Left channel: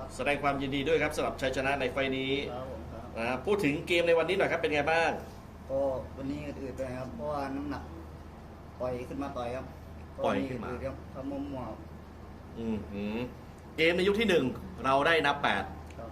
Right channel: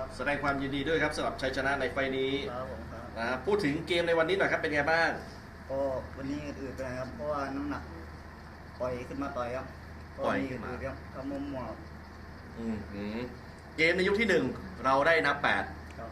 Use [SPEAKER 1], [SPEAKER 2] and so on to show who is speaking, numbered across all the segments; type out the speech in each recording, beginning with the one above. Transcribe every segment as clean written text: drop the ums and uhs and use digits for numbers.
[SPEAKER 1] แสดงความยินดีด้วยครับสำหรับชัยชนะในไฟล์นี้
[SPEAKER 2] ครับผมครับ
[SPEAKER 1] นะพูดถึงเกมในวันนี้หน่อยครับเป็นไงบ้าง
[SPEAKER 2] ก็วันนี้อืดๆเลยครับเพราะว่าน้ำหนักปล่อยขึ้นมาต่อยครับ
[SPEAKER 1] ปล่อยขึ้นมา
[SPEAKER 2] อืดๆครับทำมุมหมวก
[SPEAKER 1] หือเกมในยกที่หนึ่งเราได้นับ
[SPEAKER 2] ครับ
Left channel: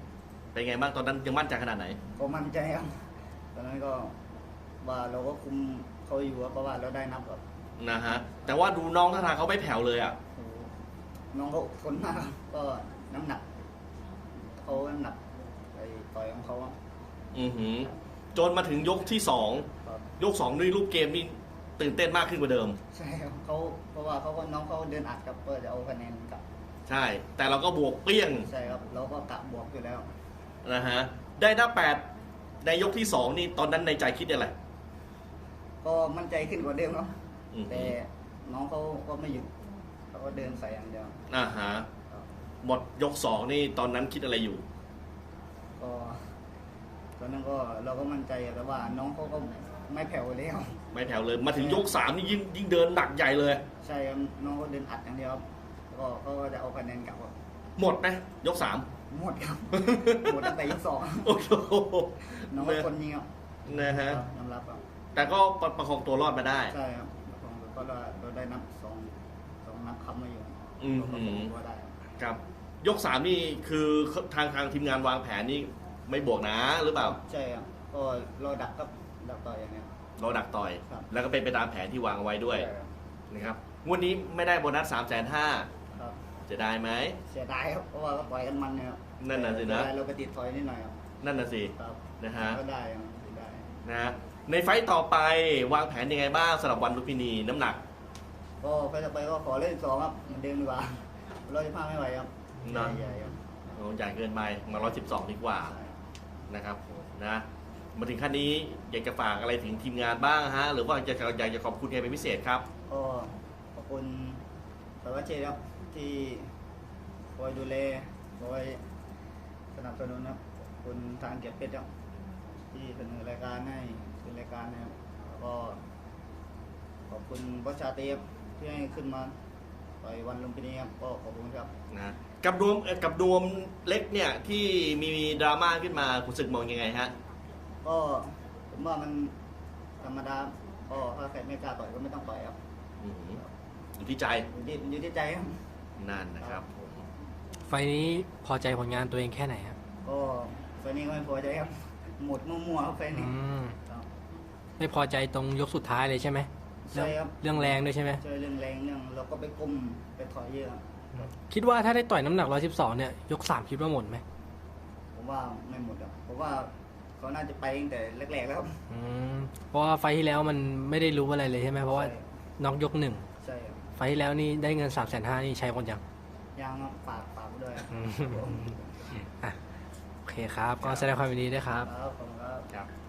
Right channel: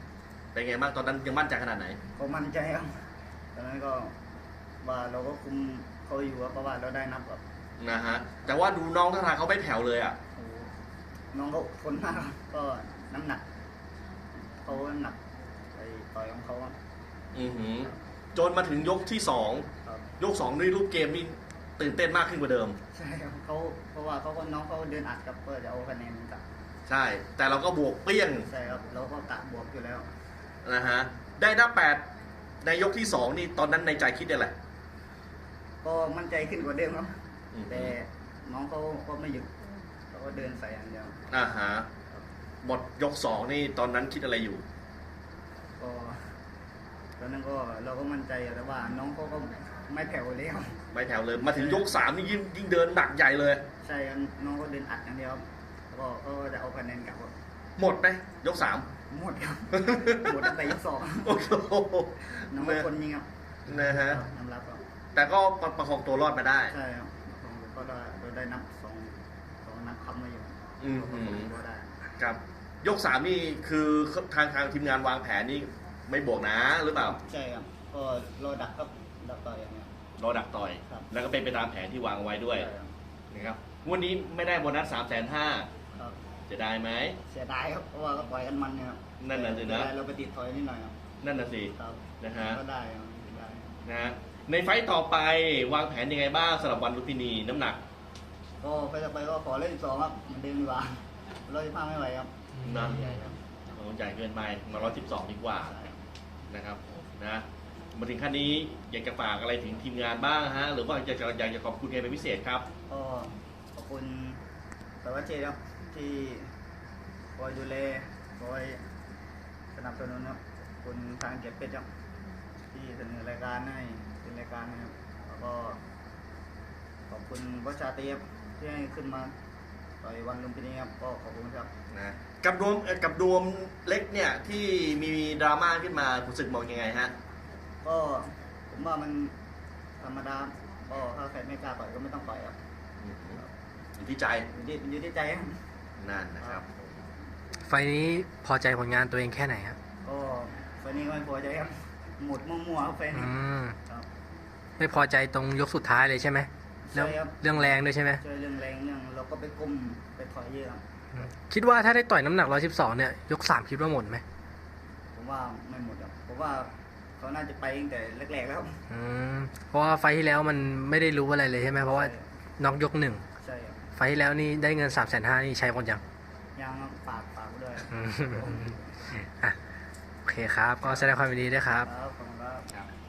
[SPEAKER 1] 8เป็นไงบ้างตอนนั้นยังมั่นใจขนาดไหน
[SPEAKER 2] ก็มั่นใจครับตอนนั้นก็ว่าเราก็คุมเขาอยู่ครับเพราะว่าเราได้นับแบบ
[SPEAKER 1] นะฮะแต่ว่าดูน้องท่าทางเขาไม่แผ่วเลยอ่ะ
[SPEAKER 2] โอ้โหน้องก็ทนมากครับก็น้ำหนักเขาน้ำหนักไอ้ต่อยของเขาอะ
[SPEAKER 1] อือหือจนมาถึงยกที่สอง
[SPEAKER 2] ครับ
[SPEAKER 1] ยกสองนี่รูปเกมนี่ตื่นเต้นมากขึ้นกว่าเดิม
[SPEAKER 2] ใช่ครับเขาเพราะว่าเขาก็น้องเขาเดินอัดกับเพื่อจะเอาคะแนนกลับ
[SPEAKER 1] ใช่ แต่เราก็บวกเปรี้ยง
[SPEAKER 2] ใช่ครับเราก็กะบวกอยู่แล้ว
[SPEAKER 1] นะฮะได้นับ8ในยกที่สองนี่ตอนนั้นในใจคิดอะไร
[SPEAKER 2] ก็มั่นใจขึ้นกว่าเดิมครับ
[SPEAKER 1] อืม
[SPEAKER 2] แต่น้องเขาก็ไม่หยุดเขาก็เดินใส่อย่างเดียว
[SPEAKER 1] อ่าฮะ
[SPEAKER 2] ครับ
[SPEAKER 1] หมดยกสองนี่ตอนนั้นคิดอะไรอยู่
[SPEAKER 2] ก็ตอนนั้นก็เราก็มั่นใจอยู่แล้วว่าน้องเขาก็ไม่แผ่วเลยครับ
[SPEAKER 1] ไม่แผ่วเลยมาถึงยกสามนี่ยิ่งเดินหนักใหญ่เลย
[SPEAKER 2] ใช่ครับน้องก็เดินอัดอย่างเดียวครับแล้วก็เขาก็จะเอาคะแนนกลับครับ
[SPEAKER 1] หมดไหมยกสาม
[SPEAKER 2] หมดครับ หมดตั้งแต่ยกสอง
[SPEAKER 1] โอ้โห
[SPEAKER 2] น้องก็คนนี้ครับ
[SPEAKER 1] นะฮะ
[SPEAKER 2] ครับยอมรับครับ
[SPEAKER 1] แต่ก็ประคองตัวรอดมาได้
[SPEAKER 2] ใช่ครับก็เราได้นับสองนับคำมาอยู่
[SPEAKER 1] อืม
[SPEAKER 2] ก็ก็ได้
[SPEAKER 1] ครับ ยกสามนี่คือทางทีมงานวางแผนนี่ไม่บวกนะหรือเปล่า
[SPEAKER 2] ใช่ครับก็รอดักครับดักต่อยอย่างเงี้ย
[SPEAKER 1] เราดักต่อย
[SPEAKER 2] ครับ
[SPEAKER 1] แล้วก็เป็นไปตามแผนที่วางเอาไว้ด้วย
[SPEAKER 2] ใช่ครับ
[SPEAKER 1] นะครับวันนี้ไม่ได้โบนัส350,000
[SPEAKER 2] ครับ
[SPEAKER 1] จะได้ไหม
[SPEAKER 2] เสียดายครับเพราะว่าก็ปล่อยกันมันเนี่ยครับ
[SPEAKER 1] นั่นน่ะสินะ
[SPEAKER 2] แต่เราไปติดถอยนิดหน่อยครับ
[SPEAKER 1] นั่นน่ะสิ
[SPEAKER 2] ครับ
[SPEAKER 1] นะฮะ
[SPEAKER 2] ก็ได้ครับได้
[SPEAKER 1] นะฮะในไฟต์ต่อไปวางแผนยังไงบ้างสำหรับวันลุมพินีน้ำหนัก
[SPEAKER 2] ก็ไปต่อไปก็ขอเล่นอีกสองครับเหมือนเดิมดีกว่า115ไม่ไหวครับ
[SPEAKER 1] นะ
[SPEAKER 2] ใหญ่ครับ
[SPEAKER 1] โอ้ใหญ่เกินไปมา112ดีกว่า
[SPEAKER 2] ใช่
[SPEAKER 1] นะครับนะมาถึงขั้นนี้อยากจะฝากอะไรถึงทีมงานบ้างฮะหรือว่าอยากจะขอบคุณใครเป็นพิเศษครับ
[SPEAKER 2] ก็ขอบคุณสวัสดีครับที่คอยดูแลคอยสนับสนุนครับขอบคุณทางเจ็ดเป็ดครับที่เสนอรายการให้เป็นรายการนะครับแล้วก็ขอบคุณบอสชาเตียบที่ให้ขึ้นมาต่อยวันลุมพินีครับก็ขอบคุณครับ
[SPEAKER 1] นะกับดวมเล็กเนี่ยที่มีดราม่าขึ้นมาคุณสึกมองยังไงฮะ
[SPEAKER 2] ก็ผมว่ามันธรรมดาก็ถ้าใครไม่กล้าต่อยก็ไม่ต้องต่อยครับ
[SPEAKER 1] อยู่ที่ใจ
[SPEAKER 2] อยู่ที่ใจครับ
[SPEAKER 1] นั่นนะครับ
[SPEAKER 3] ไฟล์นี้พอใจผลงานตัวเองแค่ไหนครับ
[SPEAKER 2] ก็ไฟล์นี้ก็ไม่พอใจครับหมดมั่วๆครับไฟล์
[SPEAKER 3] อื
[SPEAKER 2] นี้
[SPEAKER 3] ม
[SPEAKER 2] ครับ
[SPEAKER 3] ไม่พอใจตรงยกสุดท้ายเลยใช่ไหม
[SPEAKER 2] ใช่ครับ
[SPEAKER 3] เรื่องแรงด้วยใช่ไหม
[SPEAKER 2] เจอเรื่องแรงเรื่องเราก็ไปก้มไปถอยเรือครับ
[SPEAKER 3] คิดว่าถ้าได้ต่อยน้ำหนัก 112 เนี่ย ยก 3 คิดว่าหมดไหม
[SPEAKER 2] ผมว่าไม่หมดครับผมว่าเขาน่าจะไปตั้งแต่แรกๆแล้วครับ
[SPEAKER 3] อืม เพราะว่าไฟล์ที่แล้วมันไม่ได้รู้อะไรเลยใช่ไหม เพราะว่าน็อกยก 1
[SPEAKER 2] ใช่ครับ
[SPEAKER 3] ไฟล์ที่แล้วนี่ได้เงิน 350,000 นี่ใช้หมดยัง
[SPEAKER 2] ยังครับฝากด้วย
[SPEAKER 3] อืมอ่ะโอเคครับ ก็แสดงความยินดีด้วยครับ
[SPEAKER 2] ครับขอบคุณครับ
[SPEAKER 1] ครับ